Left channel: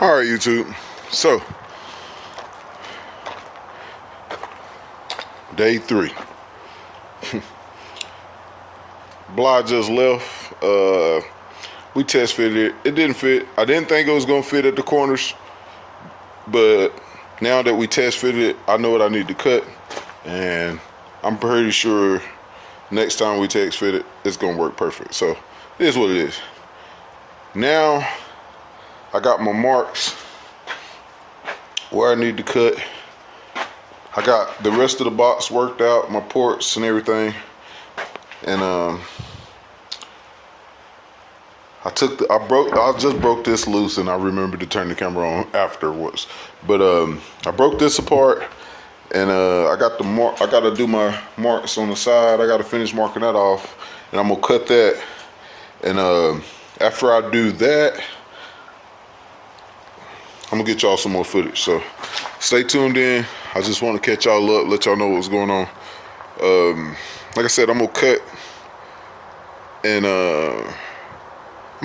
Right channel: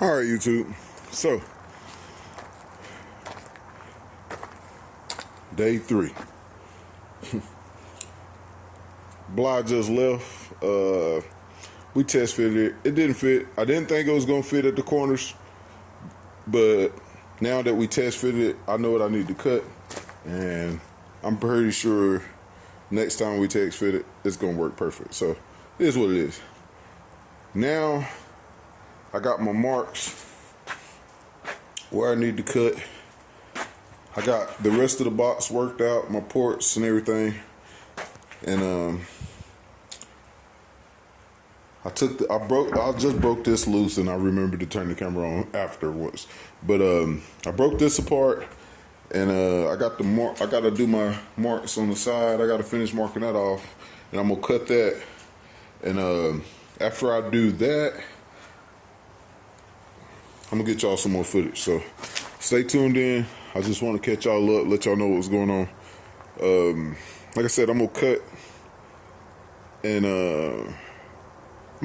All right, YouTube. So, day 3. Blah just left. We test fitted it. It didn't fit. I didn't think it was gonna fit at the corners, but now that we test fitted it, I know what I need to cut, and I'm pretty sure next time we test fit it, it's gonna work perfect. So, it is what it is. Now, I got my marks where I need to cut. I got the rest of the box worked out, my ports and everything, and I just broke this loose, and I remembered to turn the camera on afterwards. But I broke this apart, and I got the mark. I got to do my marks on the side. I got to finish marking that off, and I'm gonna cut that. And after I do that, I'm gonna get y'all some more footage. So stay tuned in. I just want to catch y'all up, let y'all know what's going on. Like I said, I'm gonna cut, and I'm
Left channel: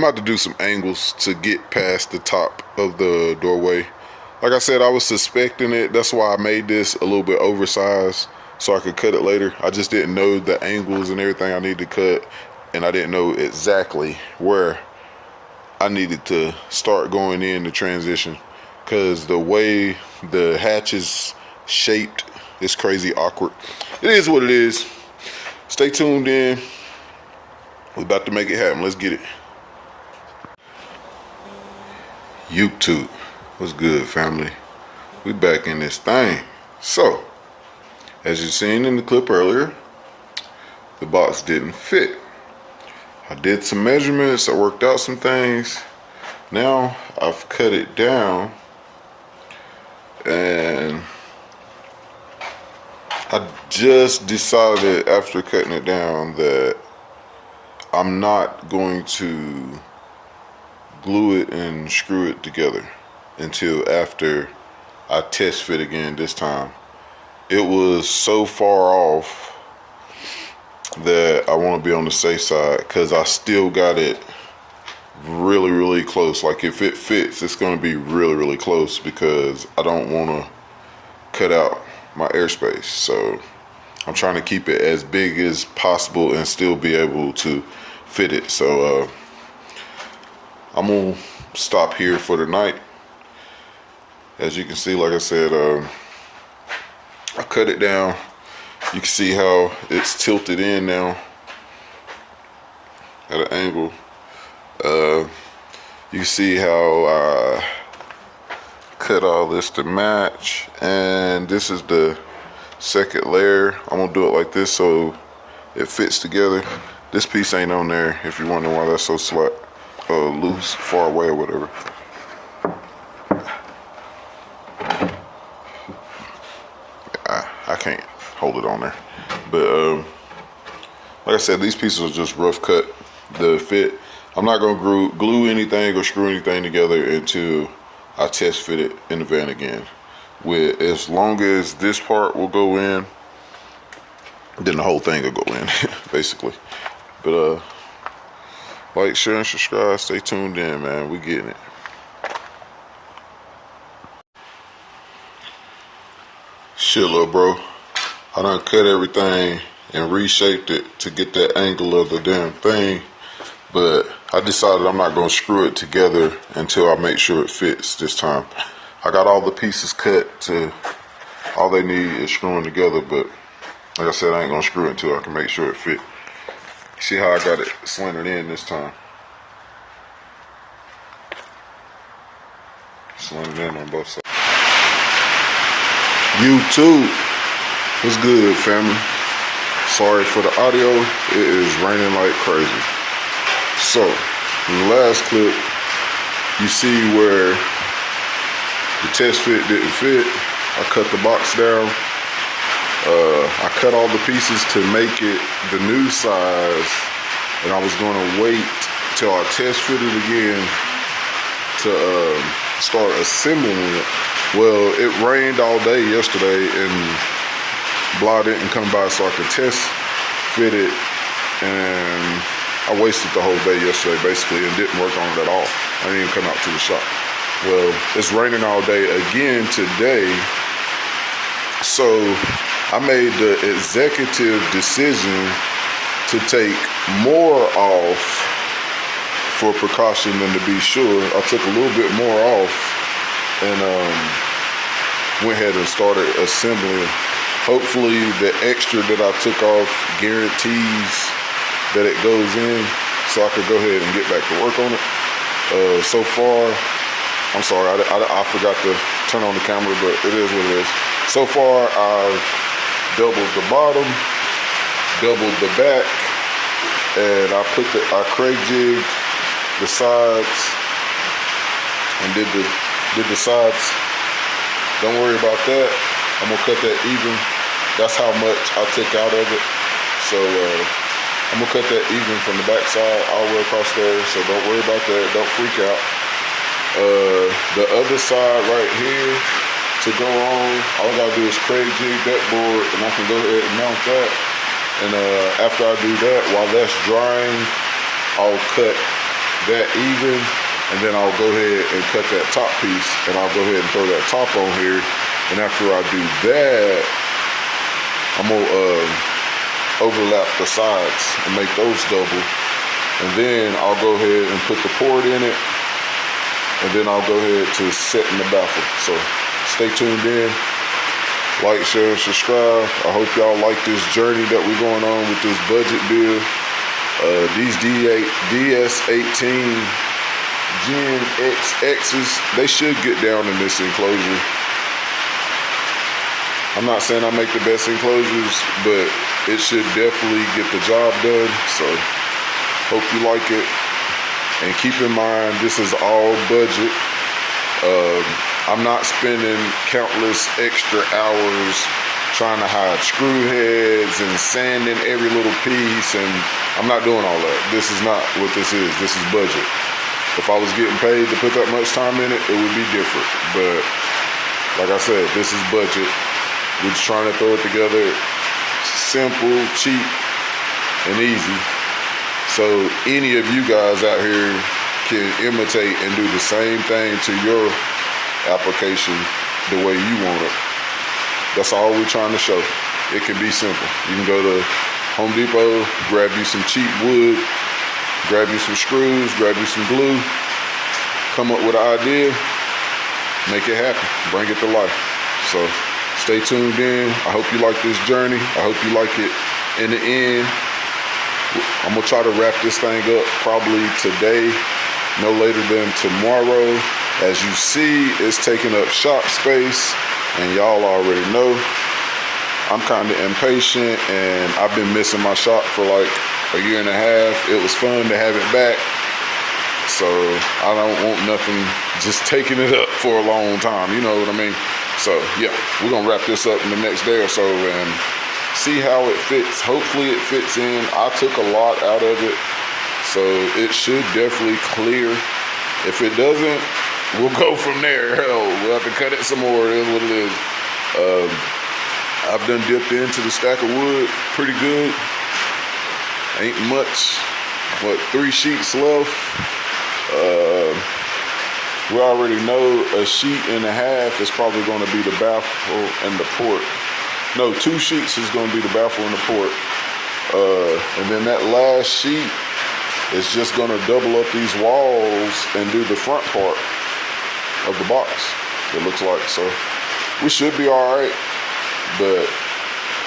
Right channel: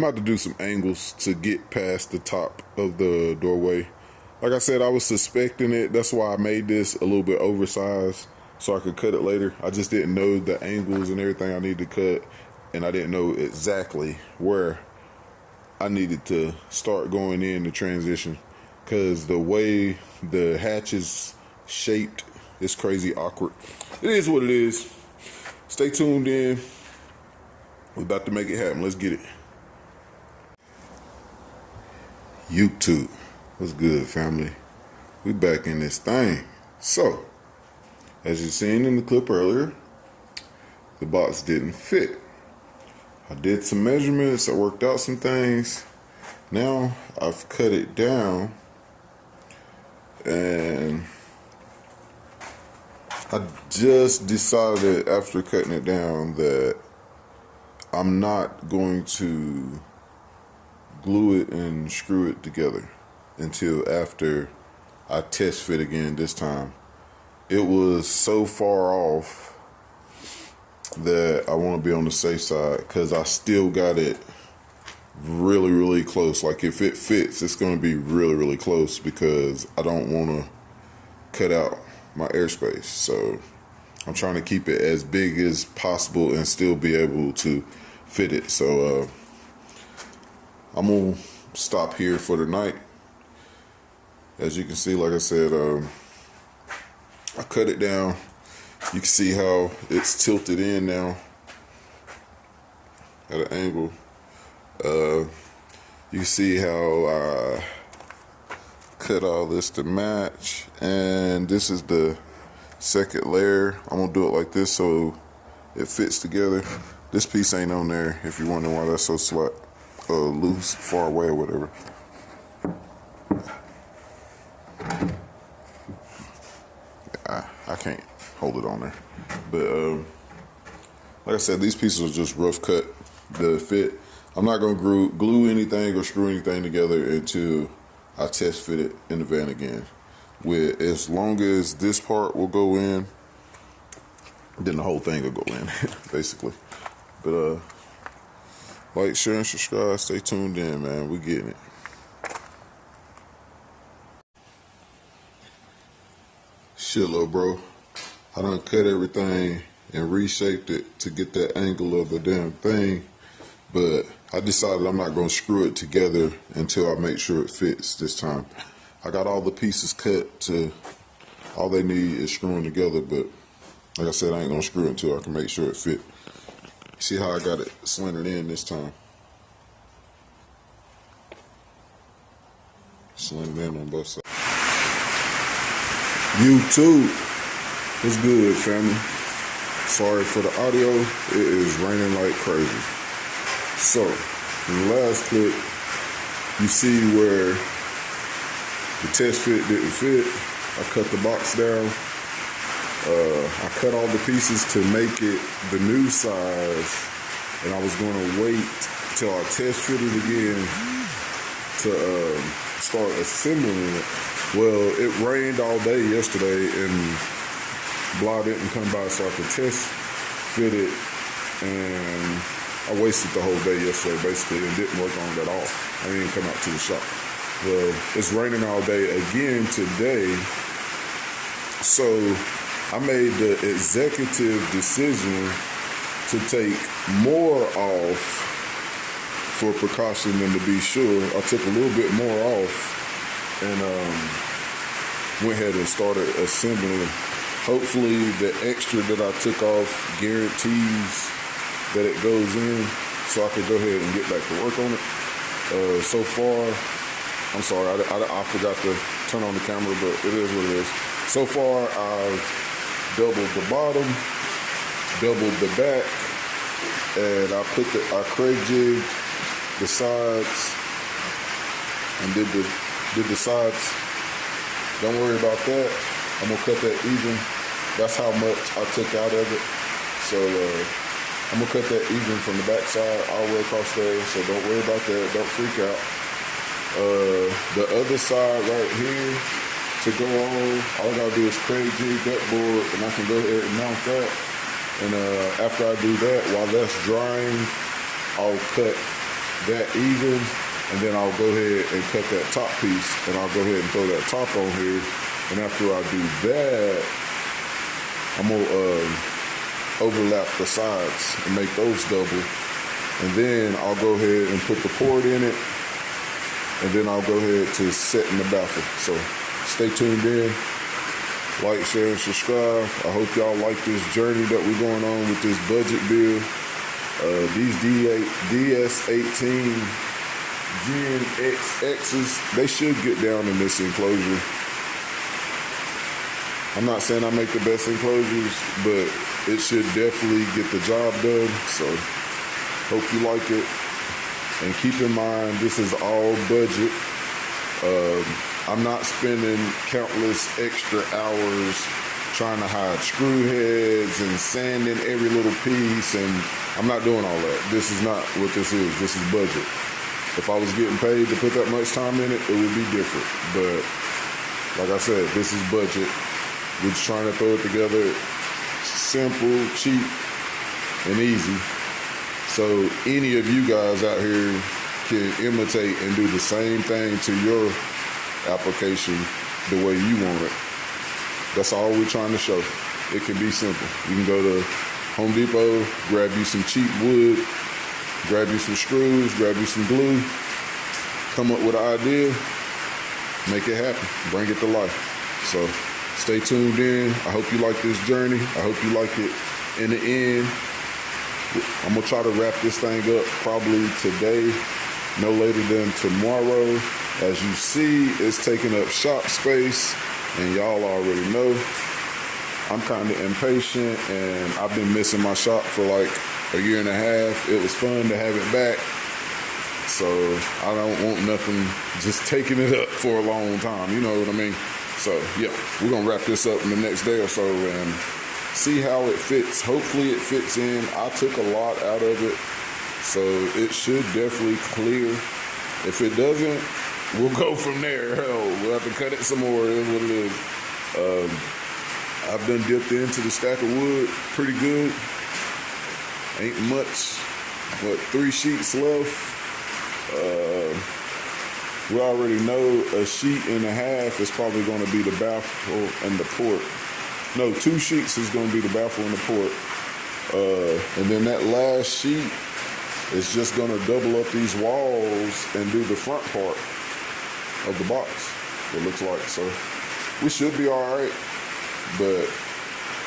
about to do some angles to get past the top of the doorway. Like I said, I was suspecting it. That's why I made this a little bit oversized so I could cut it later. I just didn't know the angles and everything I need to cut, and I didn't know exactly where I needed to start going in the transition, because the way the hatch is shaped is crazy awkward. It is what it is. Stay tuned in. We're about to make it happen. Let's get it. YouTube, what's good, family? We back in this thing. So, as you seen in the clip earlier, the box didn't fit. I did some measurements, I worked out some things. Now I've cut it down, and I just decided after cutting it down that I'm not going to glue it and screw it together until after I test fit again this time. It was so far off that I want to be on the safe side, because I still got it really close. Like, if it fits, it's going to be really close, because I don't want to cut out my airspace. So I'm trying to keep it as big as possible and still be able to fit it. So I'm gonna stop here for the night. As you can see, like I said, I cut it down. You can see how it's tilted in now at an angle. You see how I cut all this to match, and this is the second layer. I'm gonna do it like this so it fits together. This piece ain't on there, if you're wondering why that's so loose, far away or whatever. I can't hold it on there. But like I said, these pieces are just rough cut to fit. I'm not gonna glue anything or screw anything together until I test fit it in the van again. As long as this part will go in, then the whole thing will go in, basically. But like, share, and subscribe. Stay tuned in, man. We getting it. Shit, little bro. I done cut everything and reshaped it to get that angle of the damn thing. But I decided I'm not going to screw it together until I make sure it fits this time. I got all the pieces cut to all they need is screwing together. But like I said, I ain't going to screw it until I can make sure it fit. See how I got it slanted in this time? Slanted in on both sides. YouTube, what's good, family? Sorry for the audio. It is raining like crazy. So, in the last clip, you see where the test fit didn't fit. I cut the box down. I cut all the pieces to make it the new size, and I was going to wait till I test fit it again to start assembling it. Well, it rained all day yesterday, and Blah didn't come by so I could test fit it, and I wasted the whole day yesterday basically and didn't work on it at all. I didn't even come out to the shop. Well, it's raining all day again today. So I made the executive decision to take more off for precaution than to be sure. I took a little bit more off and went ahead and started assembling. Hopefully the extra that I took off guarantees that it goes in so I could go ahead and get back to work on it. So far, I'm sorry, I forgot to turn on the camera, but it is what it is. So far, I've doubled the bottom, doubled the back, and I craig jigged the sides and did the sides. Don't worry about that. I'm gonna cut that even. That's how much I took out of it. So I'm gonna cut that even from the back side all the way across there. So don't worry about that. Don't freak out. The other side right here to go on, all I gotta do is craig jig that board, and I can go ahead and mount that. And after I do that, while that's drying, I'll cut that even, and then I'll go ahead and cut that top piece, and I'll go ahead and throw that top on here. And after I do that, I'm gonna overlap the sides and make those double. And then I'll go ahead and put the port in it, and then I'll go ahead to set in the baffle. So stay tuned in. Like, share, and subscribe. I hope y'all like this journey that we're going on with this budget build. These DS18 Gen XXs, they should get down in this enclosure. I'm not saying I make the best enclosures, but it should definitely get the job done. So hope you like it. And keep in mind, this is all budget. I'm not spending countless extra hours trying to hide screw heads and sanding every little piece, and I'm not doing all that. This is not what this is. This is budget. If I was getting paid to put that much time in it, it would be different. But like I said, this is budget. We're just trying to throw it together simple, cheap, and easy. So any of you guys out here can imitate and do the same thing to your application the way you want it. That's all we're trying to show. It can be simple. You can go to Home Depot, grab you some cheap wood, grab you some screws, grab you some glue, come up with an idea, make it happen, bring it to life. So stay tuned in. I hope you like this journey. I hope you like it in the end. I'm gonna try to wrap this thing up probably today, no later than tomorrow. As you see, it's taking up shop space, and y'all already know I'm kind of impatient, and I've been missing my shop for like a year and a half. It was fun to have it back, so I don't want nothing just taking it up for a long time, you know what I mean? So yeah, we're gonna wrap this up in the next day or so and see how it fits. Hopefully it fits in. I took a lot out of it, so it should definitely clear. If it doesn't, we'll go from there. Hell, we'll have to cut it some more. It is what it is. I've done dipped into the stack of wood pretty good. Ain't much. What, 3 sheets left? We already know a sheet and a half is probably going to be the baffle and the port. No, 2 sheets is going to be the baffle and the port. And then that last sheet is just going to double up these walls and do the front part of the box, it looks like. So we should be all right, but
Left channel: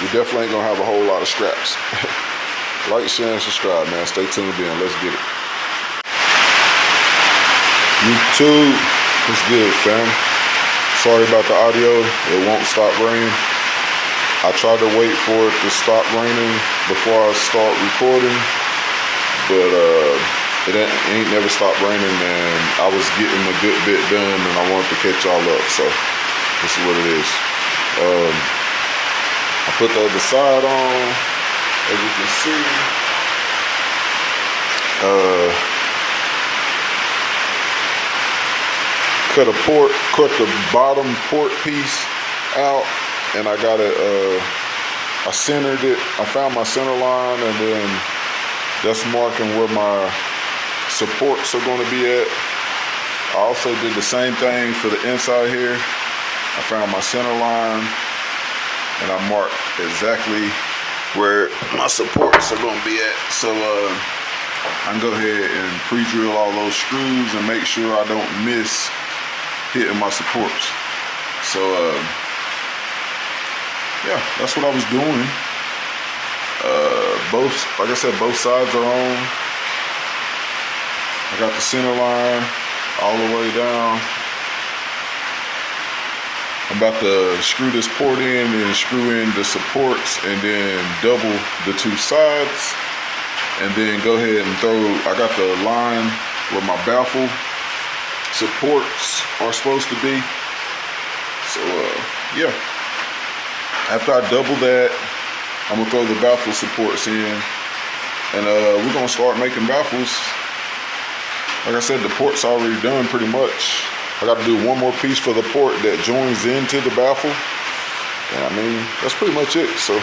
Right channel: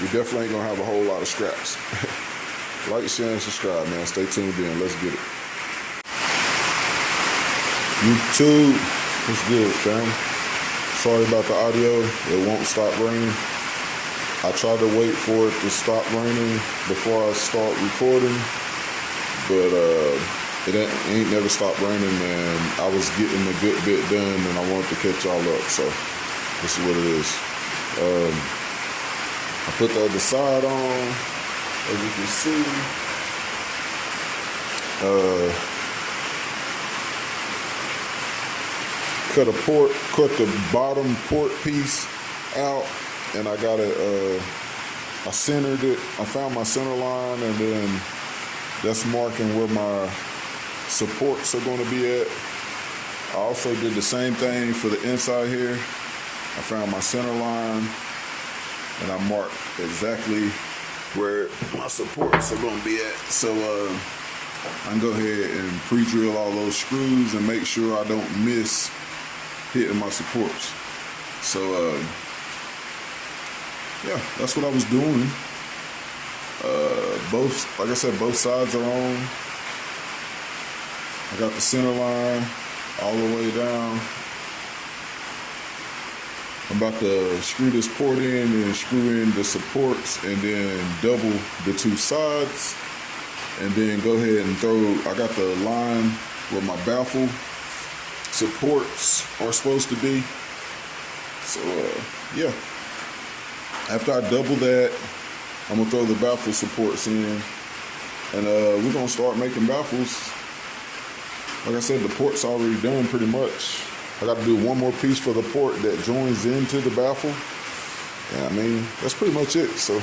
we definitely ain't gonna have a whole lot of scraps. Like, share, and subscribe, man. Stay tuned in. Let's get it. YouTube, what's good, fam? Sorry about the audio. It won't stop raining. I tried to wait for it to stop raining before I start recording, but it ain't never stopped raining, and I was getting a good bit done, and I wanted to catch y'all up, so this is what it is. I put the other side on, as you can see. Cut the bottom port piece out, and I got it, I centered it. I found my center line, and then that's marking where my supports are going to be at. I also did the same thing for the inside here. I found my center line and I marked exactly where my supports are going to be at. So I can go ahead and pre-drill all those screws and make sure I don't miss hitting my supports. So yeah, that's what I was doing. Like I said, both sides are on. I got the center line all the way down. I'm about to screw this port in and screw in the supports and then double the two sides. And then go ahead and throw, I got the line where my baffle supports are supposed to be. So yeah, after I double that, I'm gonna throw the baffle supports in, and we're gonna start making baffles. Like I said, the port's already done pretty much. I gotta do one more piece for the port that joins into the baffle. Yeah, I mean, that's pretty much it. So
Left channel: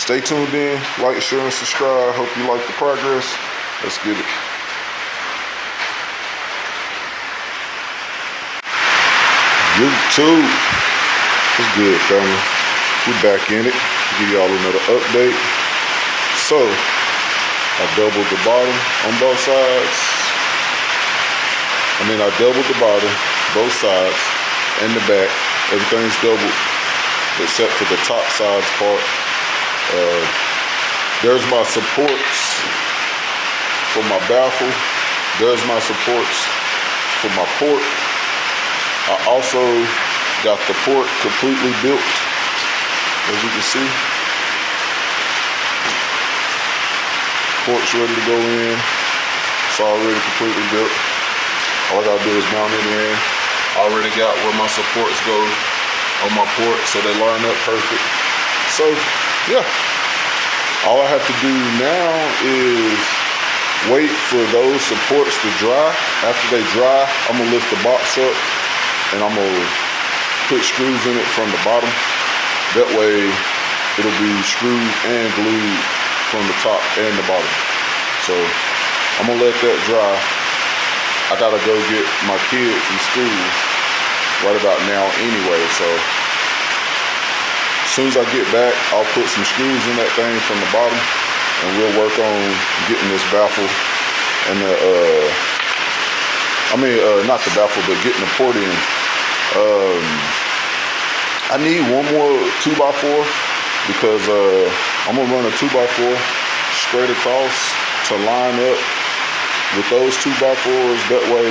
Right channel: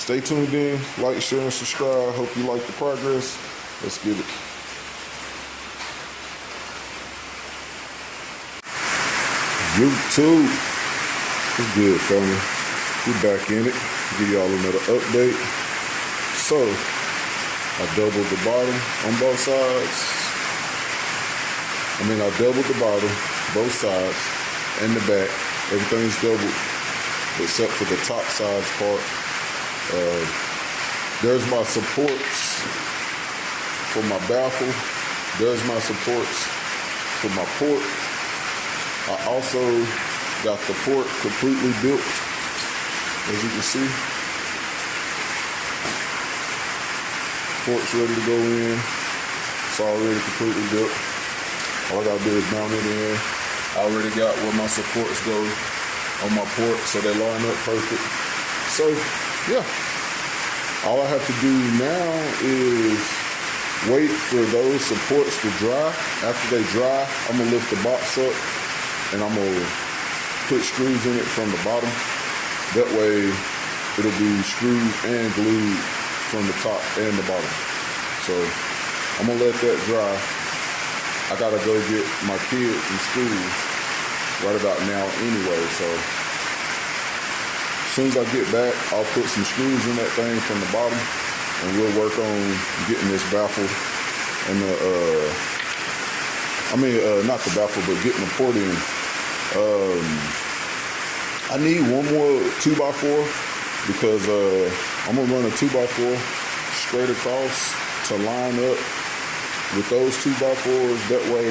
stay tuned in, like, share, and subscribe. Hope you like the progress. Let's get it. YouTube, it's good, family. We're back in it. Give y'all another update. So I doubled the bottom on both sides. I doubled the bottom, both sides, and the back. Everything's doubled except for the top sides part. There's my supports for my baffle. There's my supports for my port. I also got the port completely built, as you can see. Port's ready to go in. It's already completely built. All I gotta do is mount it in. I already got where my supports go on my port, so they line up perfect. So yeah, all I have to do now is wait for those supports to dry. After they dry, I'm gonna lift the box up and I'm gonna put screws in it from the bottom. That way it'll be screwed and glued from the top and the bottom. So I'm gonna let that dry. I gotta go get my kid from school right about now anyway, so as soon as I get back, I'll put some screws in that thing from the bottom and we'll work on getting this baffle and not the baffle, but getting the port in. I need one more 2x4 because I'm gonna run a 2x4 straight across to line up with those 2x4s. That way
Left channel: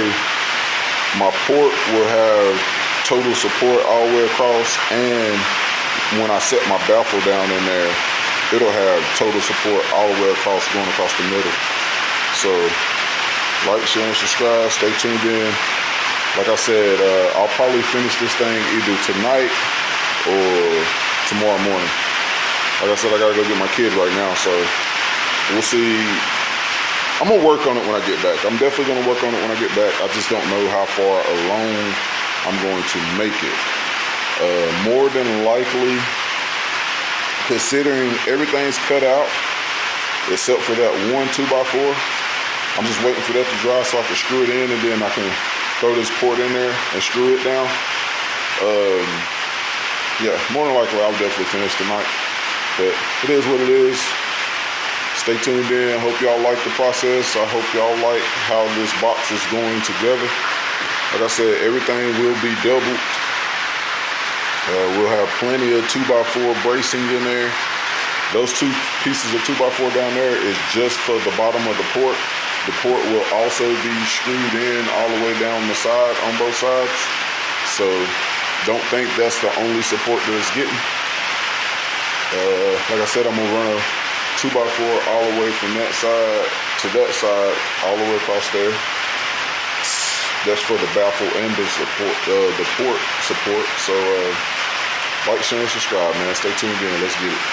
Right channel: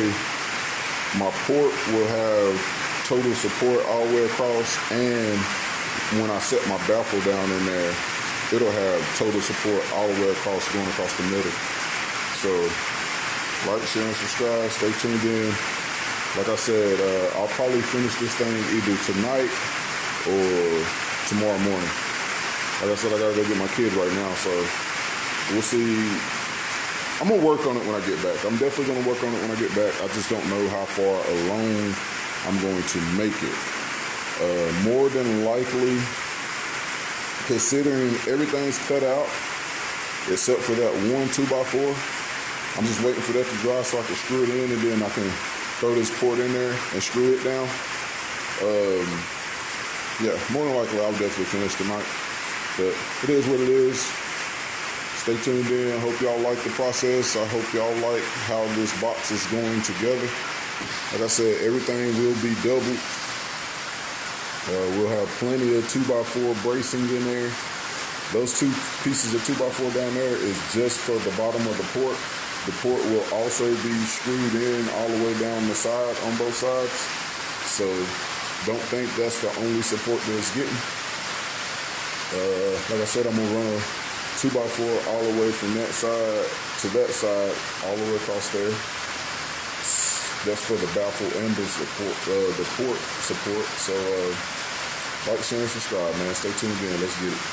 my port will have total support all the way across, and when I set my baffle down in there, it'll have total support all the way across, going across the middle. So like, share, and subscribe. Stay tuned in. Like I said, I'll probably finish this thing either tonight or tomorrow morning. Like I said, I gotta go get my kid right now, so we'll see. I'm gonna work on it when I get back. I'm definitely gonna work on it when I get back. I just don't know how far along I'm going to make it. More than likely, considering everything's cut out except for that one 2x4, I'm just waiting for that to dry so I can screw it in, and then I can throw this port in there and screw it down. Yeah, more than likely I'll definitely finish tonight, but it is what it is. Stay tuned in. I hope y'all like the process. I hope y'all like how this box is going together. Like I said, everything will be doubled. We'll have plenty of 2x4 bracing in there. Those two pieces of 2x4 down there is just for the bottom of the port. The port will also be screwed in all the way down the side on both sides. So don't think that's the only support that it's getting. Like I said, I'm gonna run a 2x4 all the way from that side to that side, all the way across there. That's for the baffle and the support, the port support. So like, share, and subscribe, man. Stay tuned in. Let's get it.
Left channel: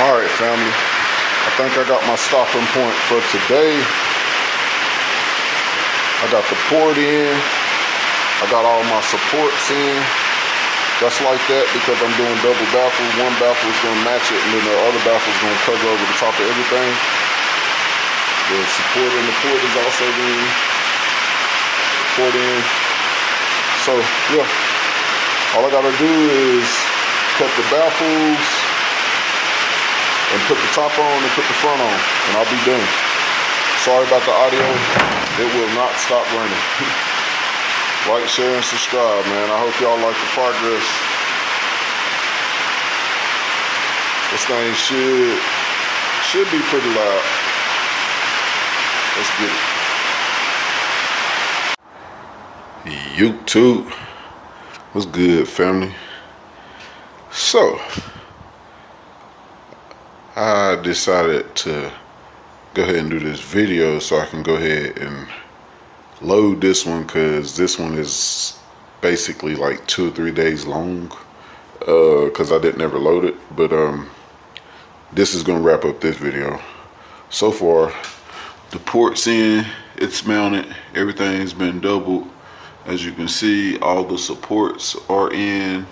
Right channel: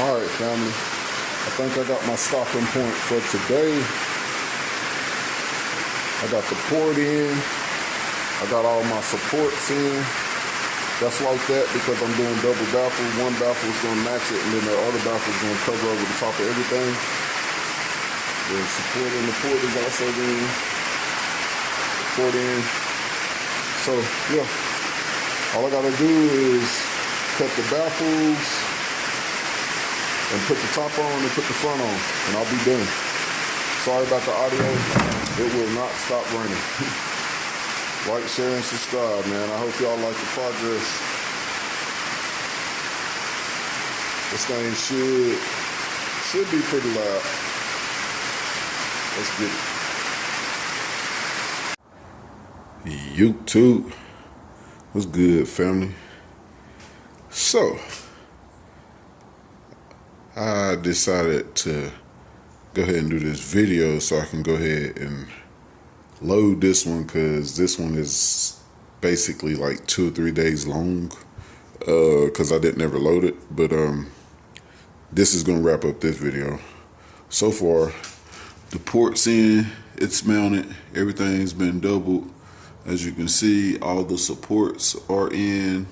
All right, family. I think I got my stopping point for today. I got the port in. I got all my supports in. That's like that because I'm doing double baffle. One baffle is going to match it, and then the other baffle is going to cover over the top of everything. The support in the port is also in. support in. So yeah, all I gotta do is cut the baffles and put the top on and put the front on, and I'll be done. Sorry about the audio. It will not stop running. Like, share, and subscribe, man. I hope y'all like the progress. This thing should be pretty loud. Let's get it. YouTube. What's good, family? So, I decided to go ahead and do this video so I can go ahead and load this one, because this one is basically like 2 or 3 days long, because I didn't ever load it. But this is gonna wrap up this video. So far, the port's in, it's mounted, everything's been doubled. As you can see, all the supports are in,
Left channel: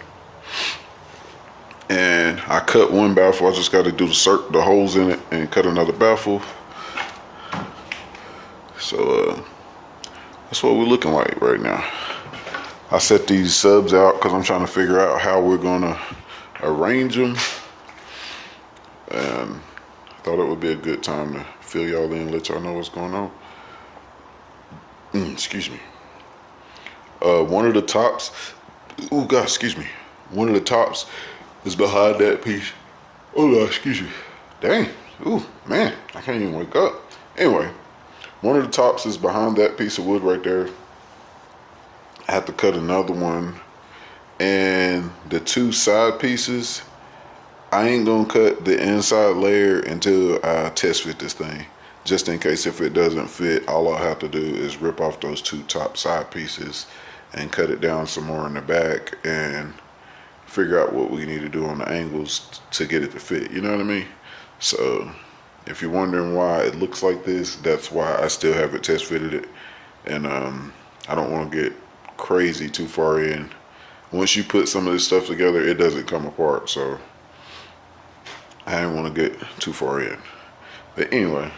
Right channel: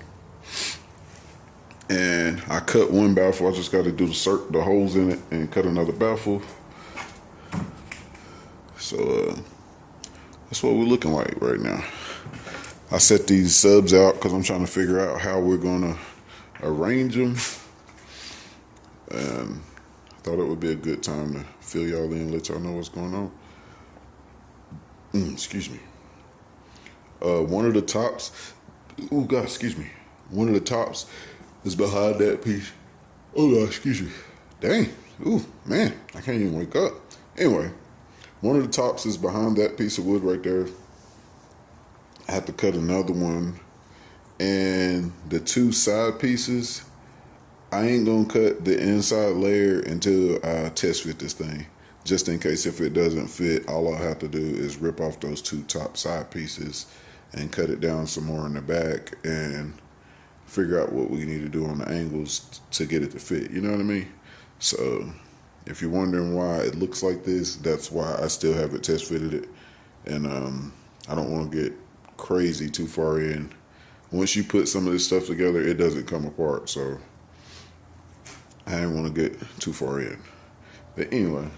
and I cut one baffle. I just got to do the holes in it and cut another baffle. So that's what we're looking like right now. I set these subs out because I'm trying to figure out how we're gonna arrange them, and I thought it would be a good time to fill y'all in, let y'all know what's going on. Excuse me. One of the tops, oh God, excuse me. One of the tops is behind that piece. Oh God, excuse me. Dang, ooh, man, I can't even wake up. Anyway, one of the tops is behind that piece of wood right there. I have to cut another one. And the 2 side pieces, I ain't gonna cut the inside layer until I test fit this thing. Just in case if it doesn't fit, all I'll have to do is rip off those 2 top side pieces and cut it down some more in the back and figure out what we need to do on the angles to get it to fit, you know what I mean? So if you're wondering why it looks like this, that's why I still haven't test fitted it. And I don't want to get crazy too far in. Once you put some of this stuff together, it doesn't come apart, so I didn't want to get too far in. But anyway,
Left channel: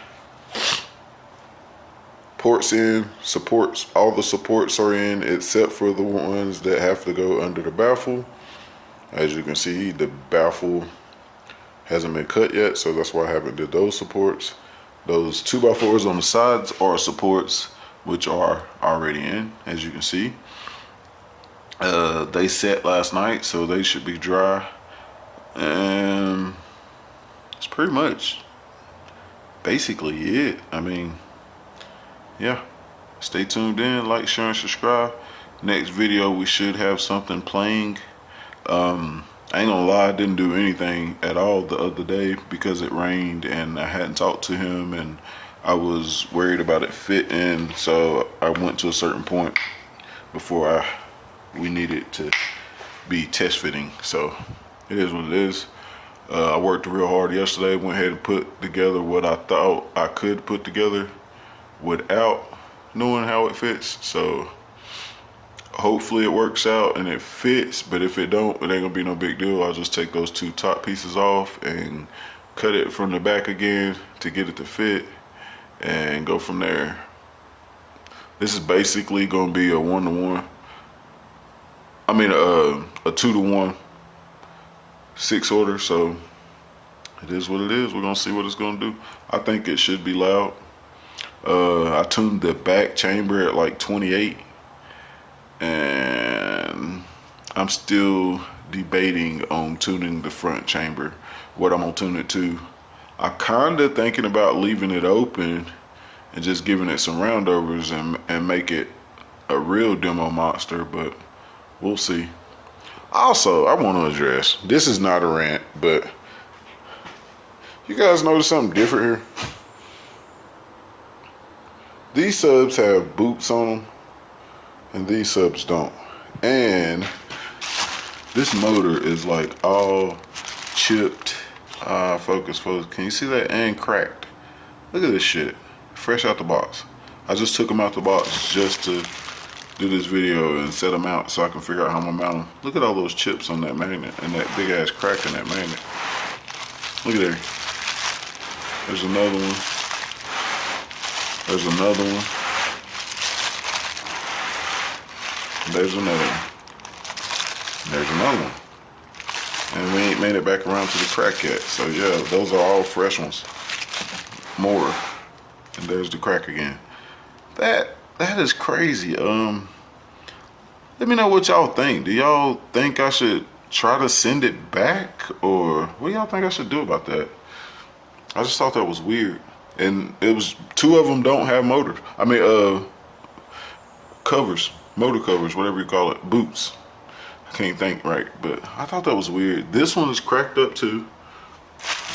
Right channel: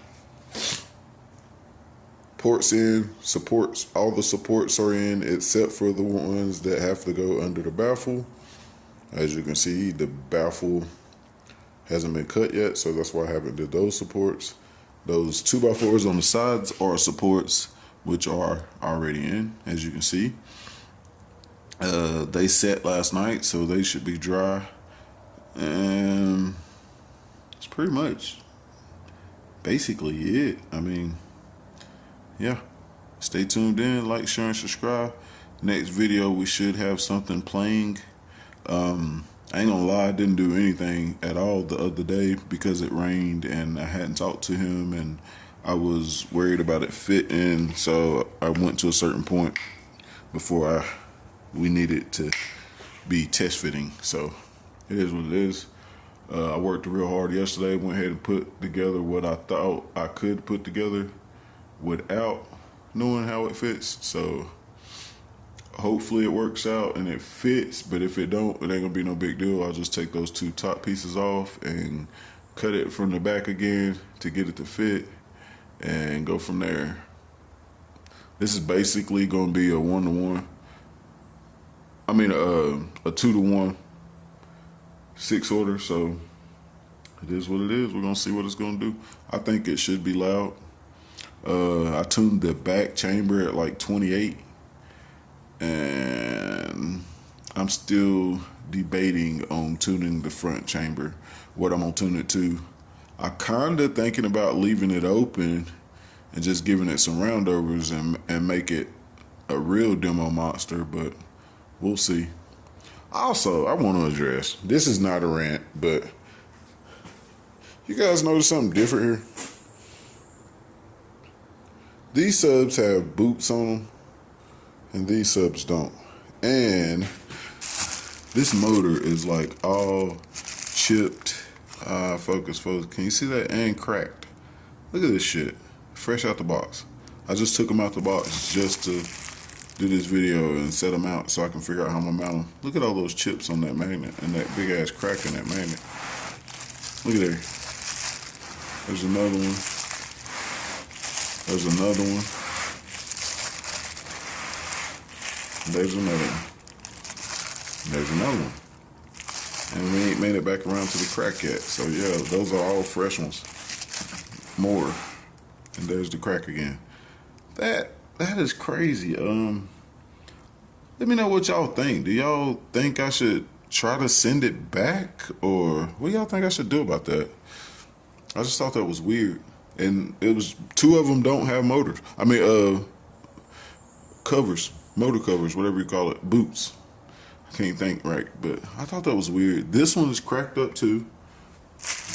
ports in, supports, all the supports are in except for the ones that have to go under the baffle. As you can see, the baffle hasn't been cut yet, so that's why I haven't did those supports. Those 2x4s on the sides are supports, which are already in, as you can see. They set last night, so they should be dry. And it's pretty much basically it. I mean, yeah. Stay tuned in, like, share, and subscribe. Next video, we should have something playing. I ain't gonna lie, I didn't do anything at all the other day because it rained and I hadn't talked to him, and I was worried about it fitting, so I went to a certain point before we needed to be test fitting. So it is what it is. I worked real hard yesterday, went ahead and put together what I thought I could put together without knowing how it fits. So hopefully it works out and it fits, but if it don't, it ain't gonna be no big deal. I'll just take those 2 top pieces off and cut it from the back again to get it to fit and go from there. This is basically gonna be a 1-to-1. I mean a 2-to-1 6 order, so it is what it is. We're gonna see what it's gonna do. I think it should be loud. I tuned the back chamber at like 28, and I'm still debating on tuning the front chamber, what I'm gonna tune it to. I kinda thinking about leaving it open and just giving it some roundovers and make it a real demo monster, but we'll see. Also, I want to address, this is not a rant, but you guys notice something different here? These subs have boots on them and these subs don't. And this motor is like all chipped. Focus. Can you see that? And cracked. Look at this shit. Fresh out the box. I just took them out the box just to do this video and set them out so I can figure out how I'm gonna mount them. Look at all those chips on that magnet and that big ass crack in that magnet. Look at there. There's another one. There's another one. There's another one. There's another one. And we ain't made it back around to the crack yet. So yeah, those are all fresh ones. More. And there's the crack again. That is crazy. Let me know what y'all think. Do y'all think I should try to send it back? Or what do y'all think I should do about that? I just thought that was weird. And it was, two of them don't have motors. I mean, covers, motor covers, whatever you call it, boots. I can't think right, but I thought that was weird. This one is cracked up too,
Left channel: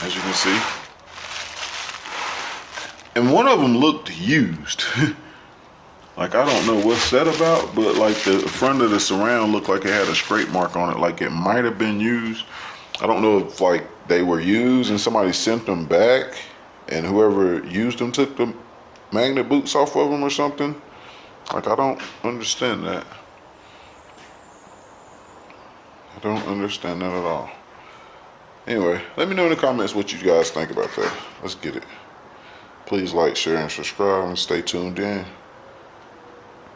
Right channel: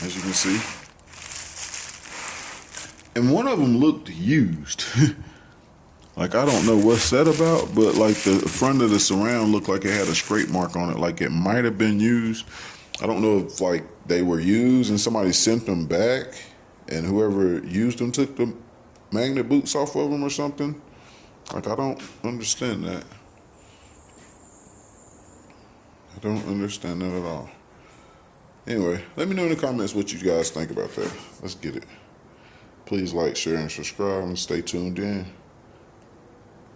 as you can see. And one of them looked used. Like, I don't know what's that about, but like the front of the surround looked like it had a scrape mark on it, like it might have been used. I don't know if like they were used and somebody sent them back and whoever used them took the magnet boots off of them or something. Like, I don't understand that. I don't understand that at all. Anyway, let me know in the comments what you guys think about that. Let's get it. Please like, share, and subscribe, and stay tuned in.